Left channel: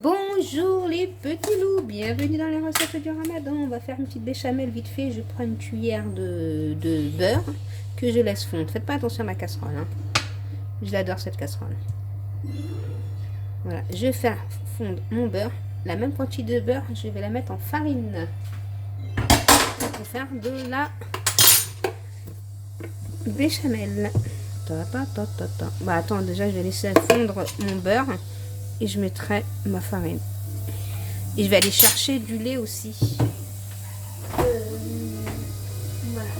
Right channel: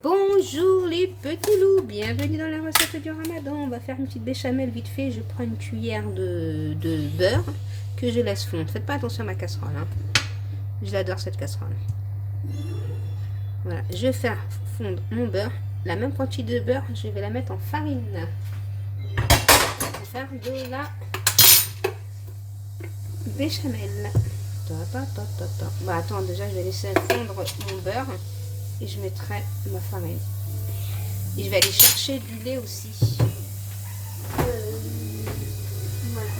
Bonjour les petits loups, bienvenue dans la recette du ramadan. On va faire une petite béchamel vite fait. Je prends une cuillère de beurre que je laisse fondre. Faites pas attention à ma casserole, hein. Je l'adore cette casserole. Voilà, je vais faire fondre mon beurre. La même quantité de beurre, je vais la mettre en farine. Je vais faire de la béchamel. Bon, attends, déjà je vais laisser fondre mon beurre. Et je mettrai ma farine. Et je vais aller chercher du lait aussi. Voilà.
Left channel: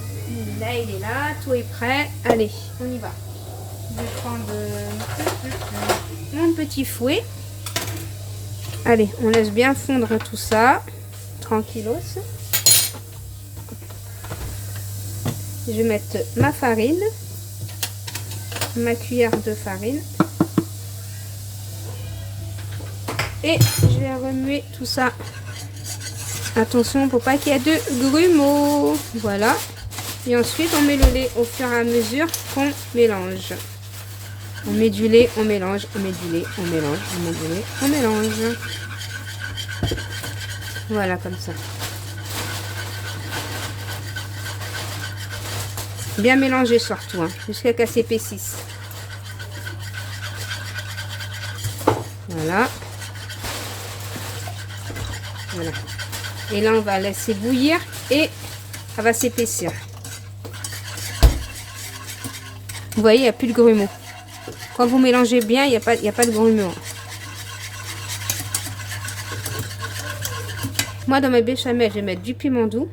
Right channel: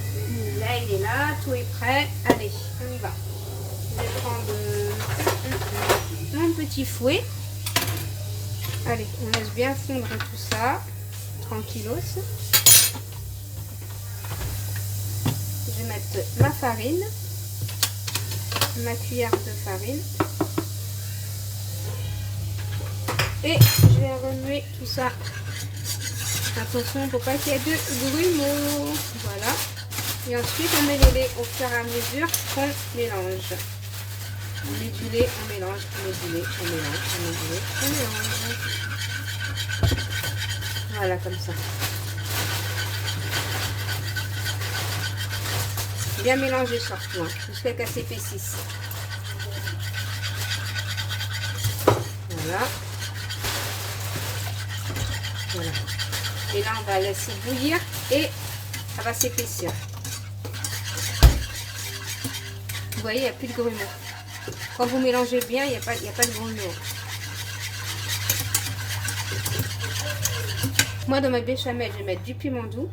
Là, il est là. Tout est prêt. Allez, on y va. Je vais prendre mon petit fouet. Allez, on laisse bien fondre tout ça. Tranquillos. Je vais mettre ma farine. Ma cuillère de farine. Et je vais remuer tout ça. Attention pour pas qu'il y ait de grumeaux. Voilà. Et ensuite on met le lait au fur et à mesure qu'on mélange. On met du lait, on mélange, on met du lait, on mélange, on met du lait, on mélange. Voilà, comme ça. Bien mélanger surtout, hein, jusqu'à ce qu'elle s'épaississe. Voilà. Voilà. Et là, on va laisser bouillir et ça va s'épaissir. Vous voyez, il n'y a plus de grumeaux. Quand vous mélangez bien, il n'y a pas de grumeaux. Moi, dans ma béchamel, je vais mettre du piment doux.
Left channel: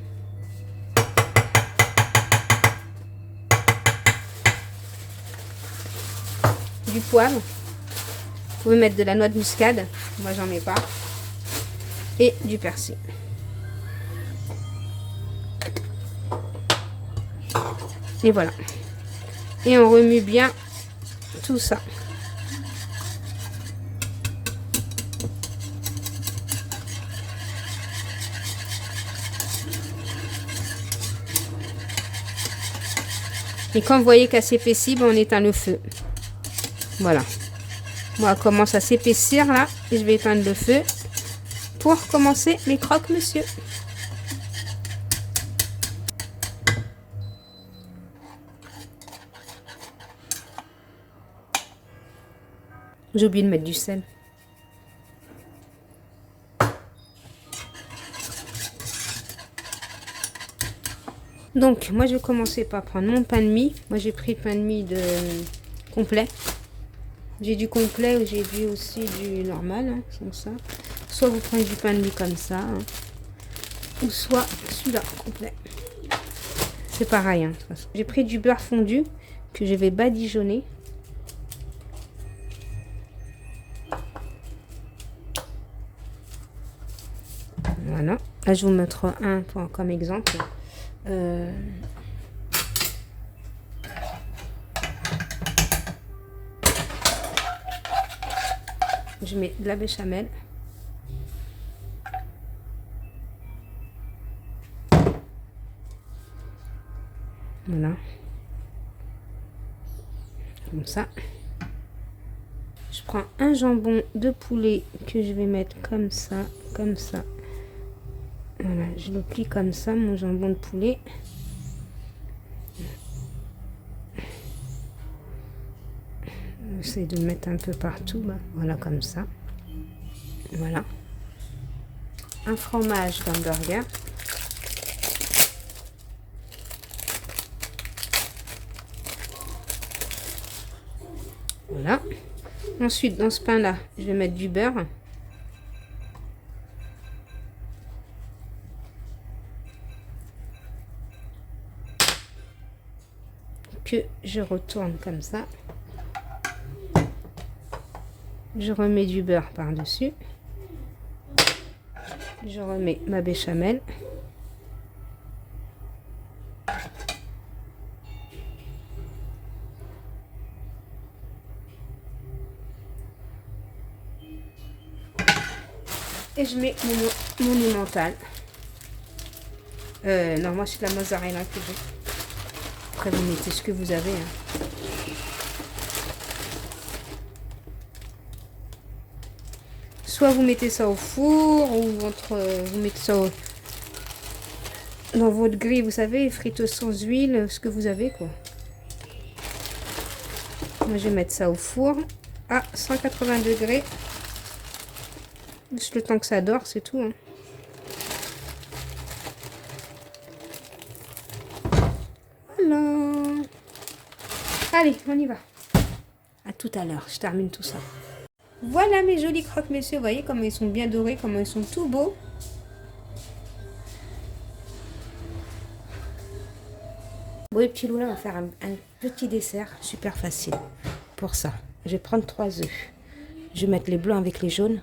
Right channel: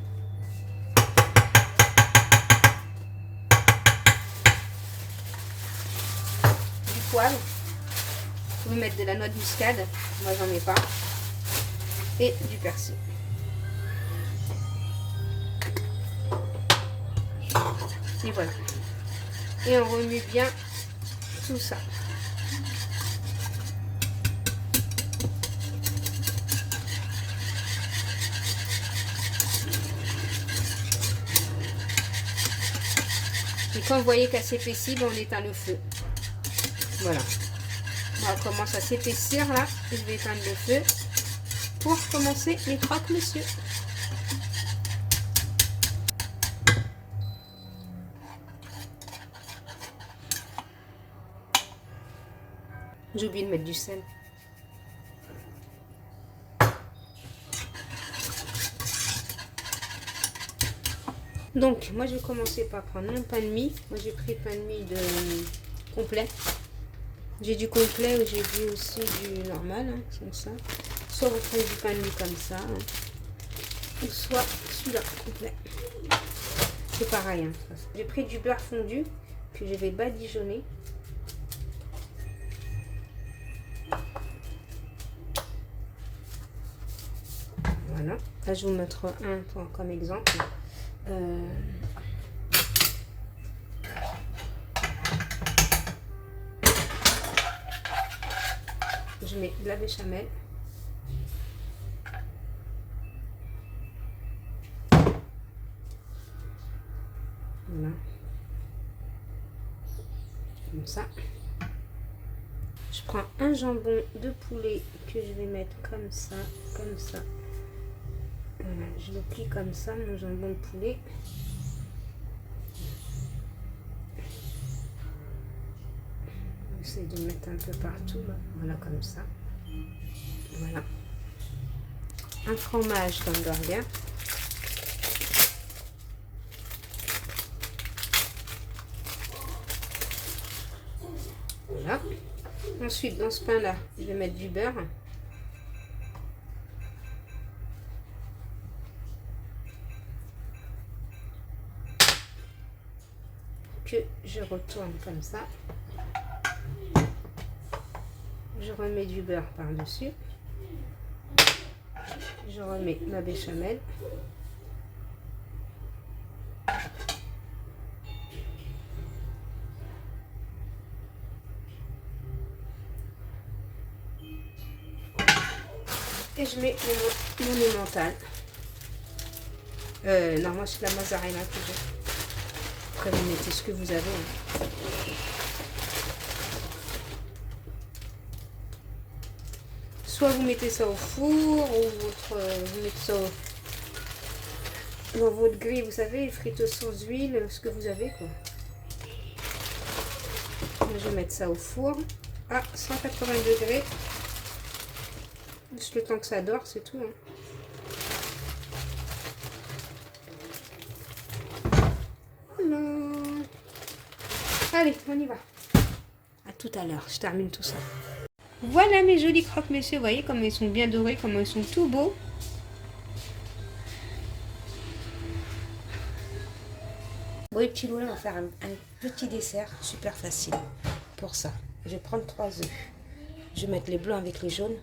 Du poivre. Vous pouvez mettre de la noix de muscade. Moi, j'en mets pas. Et du persil. Et voilà. Et on remue bien tout ça. Et quand vous voyez qu'elle s'épaissit, on éteint le feu. Voilà. Bon, elle commence à s'épaissir là. Et je vais éteindre le feu. Pour commencer les croque-monsieur. J'ai oublié de mettre du sel. Donc, moi, je vais commencer par prendre mon pain de mie. Moi, j'ai pris pain de mie de complet. J'ai du complet ou j'ai du aussi du normal, hein, comme ça. Soit vous prenez du pain de mie comme ça, hein, ou soit celui-là complet. C'est pareil, hein, de toute façon. J'ai pris du beurre fondu que je vais badigeonner. Voilà. Là, je vais vous mettre un comme exemple. Je mets de la béchamel. Voilà. Comme ça. Je prends un jambon de poulet que je vais mettre comme ça, comme ça. Voilà, je le plie comme ça, mon jambon de poulet. J'essaie de le mettre un peu partout, là. Voilà, comme ça. Voilà. Un fromage d'hamburger. Voilà. Ensuite, dans ce pain-là, je vais mettre du beurre. Que je retourne comme ça. Je remets du beurre par-dessus. Je remets ma béchamel. Et je mets mon emmental. Non, moi c'est de la mozzarella que j'ai. Après vous mettez ce que vous avez. Hein. Soit vous mettez ça au four, ou vous mettez ça dans votre grille, vous savez, friteuse sans huile, ce que vous avez, quoi. Moi, je vais mettre ça au four à 180 degrés. Juste le temps que ça dort, c'est tout. Hein. Voilà. Allez, on y va. À tout à l'heure, je termine tout ça. Voilà mes jolis croque-monsieur, vous voyez comme ils sont bien dorés, comment ils sont tout beaux. Bon les petits loups, là on va faire un petit dessert super facile. Pour ça, je vais prendre 3 œufs. Je vais mettre les blancs avec les jaunes.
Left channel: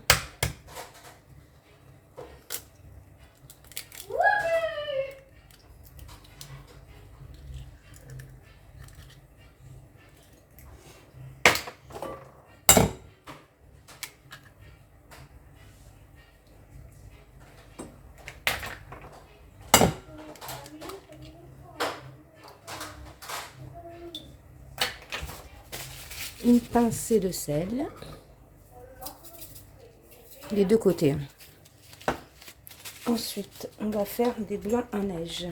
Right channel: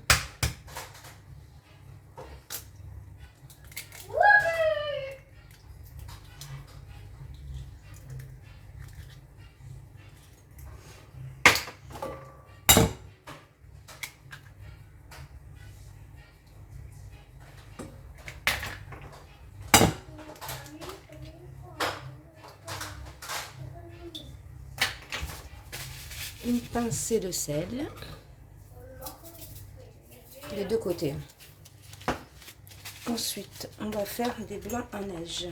Une pincée de sel, les deux côtés. Ensuite, on va faire des blancs en neige.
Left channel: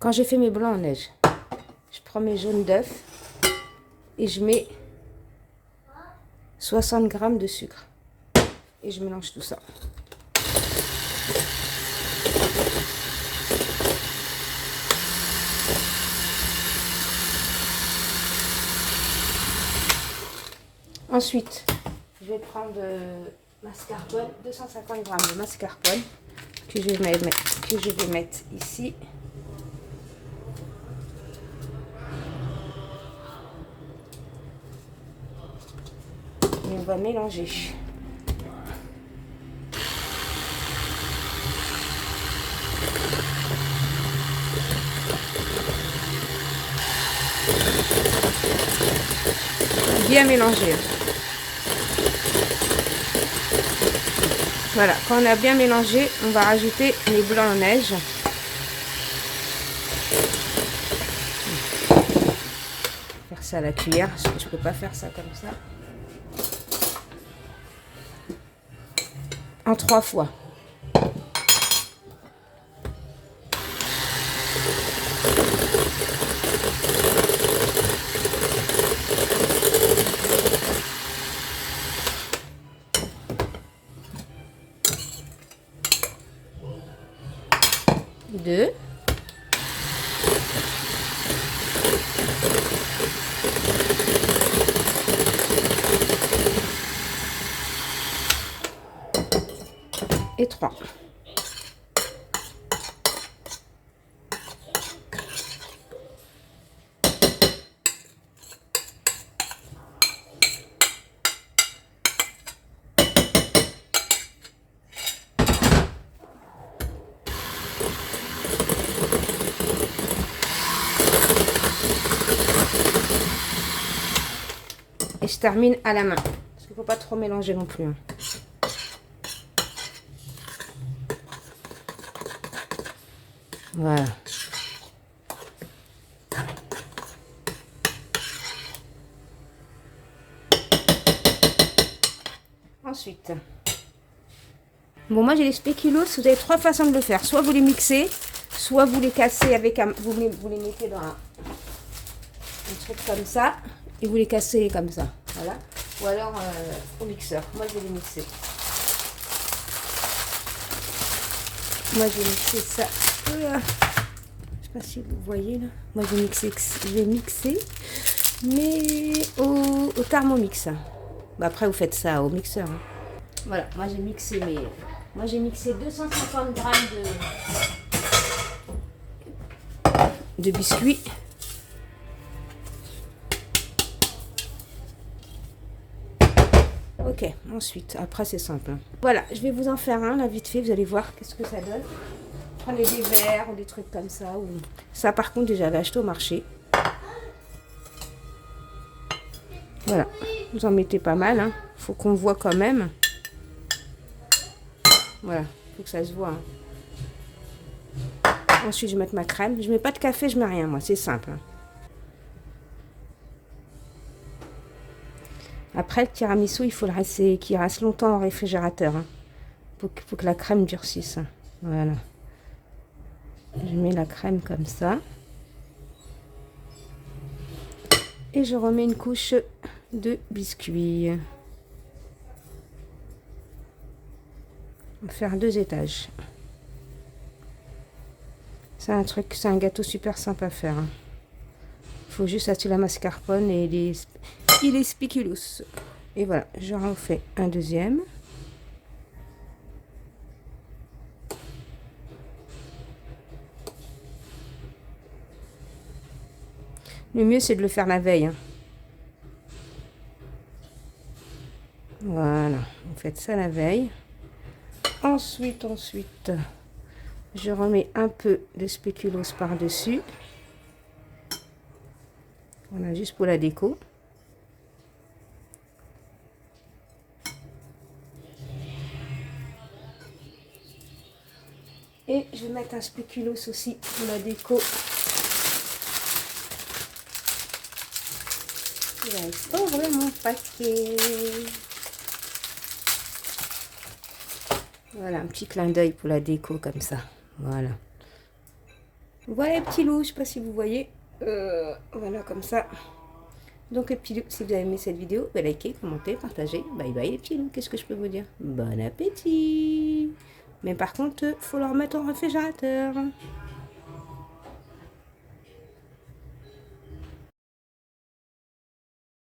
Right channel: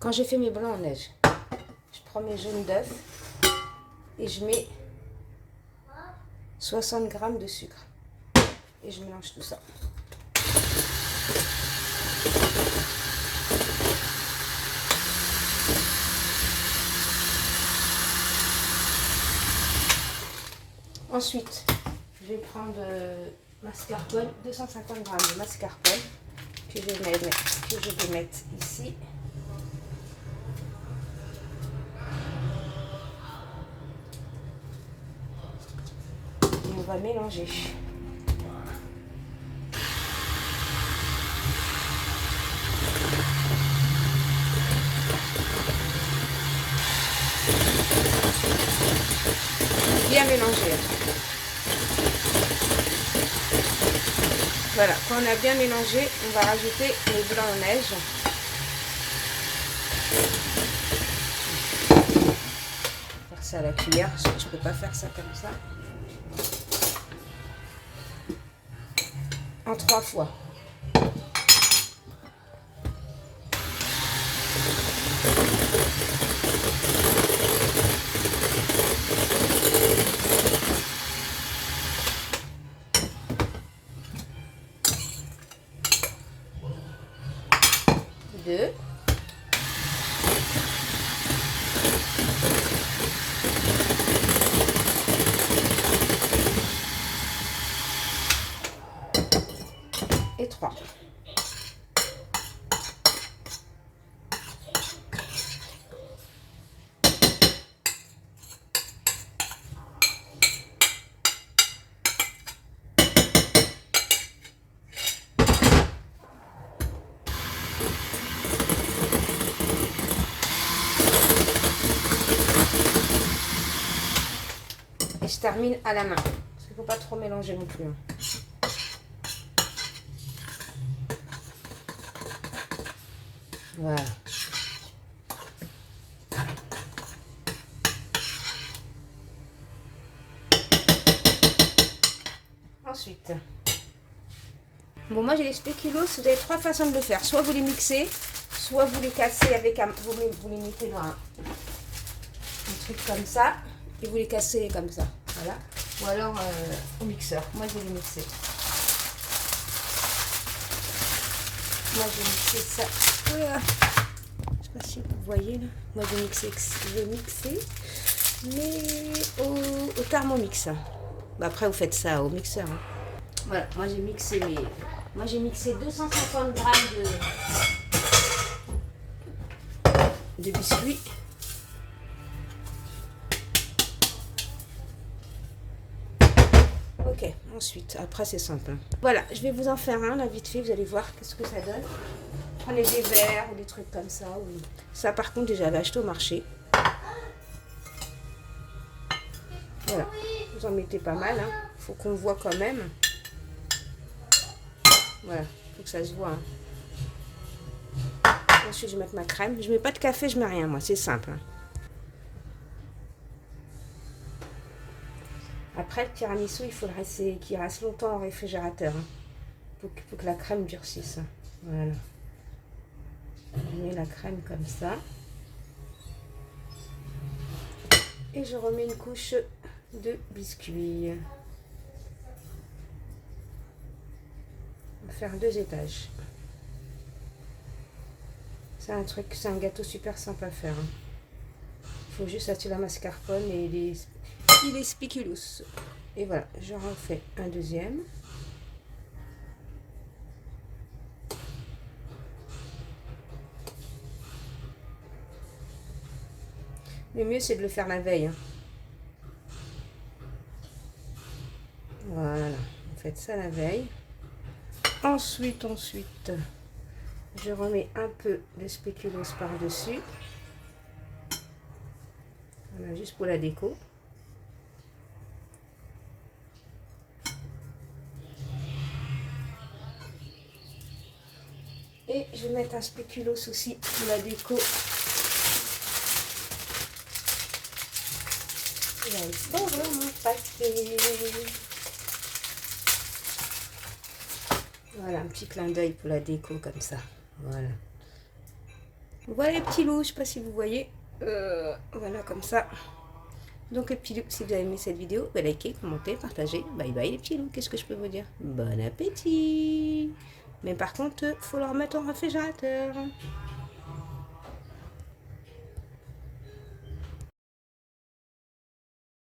Quand j'ai fait mes blancs en neige, je prends mes jaunes d'œufs et je mets 60 g de sucre. Et je mélange tout ça. Ensuite, je vais prendre mascarpone, 250 g de mascarpone que je vais mettre ici. On va mélanger. Bien mélanger. Voilà, quand on a bien mélangé, on va rajouter les blancs en neige. Faire ça à la cuillère, parce que je peux pas faire ça comme ça. En 3 fois. Deux. Et 3. Et je termine à la main. Parce qu'il ne faut pas trop mélanger non plus. Voilà. Ensuite, bon, moi j'ai les spéculoos. Vous avez 3 façons de le faire. Soit vous les mixez, soit vous les cassez avec un, vous les mettez dans un truc comme ça et vous les cassez comme ça. Voilà. Ou alors au mixeur. Moi je vais les mixer. Moi j'ai mixé ça. Voilà. Je sais pas si vous voyez là. Moi j'ai mixé, mais au Thermomix. Bah, après vous faites ça au mixeur. Hein. Voilà, moi j'ai mixé 250 grammes de biscuits. Ok, ensuite, après c'est simple. Hein. Voilà, je vais vous en faire un là vite fait, vous allez voir qu'est-ce que ça donne. Prenez des verres, des trucs comme ça. Ou... Ça par contre déjà, j'ai acheté au marché. Voilà, vous en mettez pas mal, hein. Faut qu'on voit quand même. Voilà, faut que ça se voit. Hein. Ensuite, je vais mettre ma crème. Je mets pas de café, je mets rien, moi. C'est simple. Hein. Après, le tiramisu, il faut le rester, qu'il reste longtemps au réfrigérateur. Hein. Faut que la crème durcisse. Hein. Voilà. Je mets la crème comme ça. Et je remets une couche de biscuits. On va faire 2 étages. C'est un truc, c'est un gâteau super simple à faire. Hein. Il faut juste acheter la mascarpone et les spéculoos. Et voilà, je refais un deuxième. Le mieux, c'est de le faire la veille. Hein. Voilà, vous faites ça la veille. Ensuite, je remets un peu de spéculoos par-dessus. Voilà, juste pour la déco. Et je vais mettre un spéculoos aussi pour la déco. J'ouvre mon paquet. Voilà, un petit clin d'œil pour la déco comme ça. Voilà. Voilà les petits loups, je sais pas si vous voyez. Voilà comme ça. Donc les petits loups, si vous avez aimé cette vidéo, likez, commentez, partagez. Bye bye les petits loups, qu'est-ce que je peux vous dire? Bon appétit. Mais par contre, faut le remettre au réfrigérateur.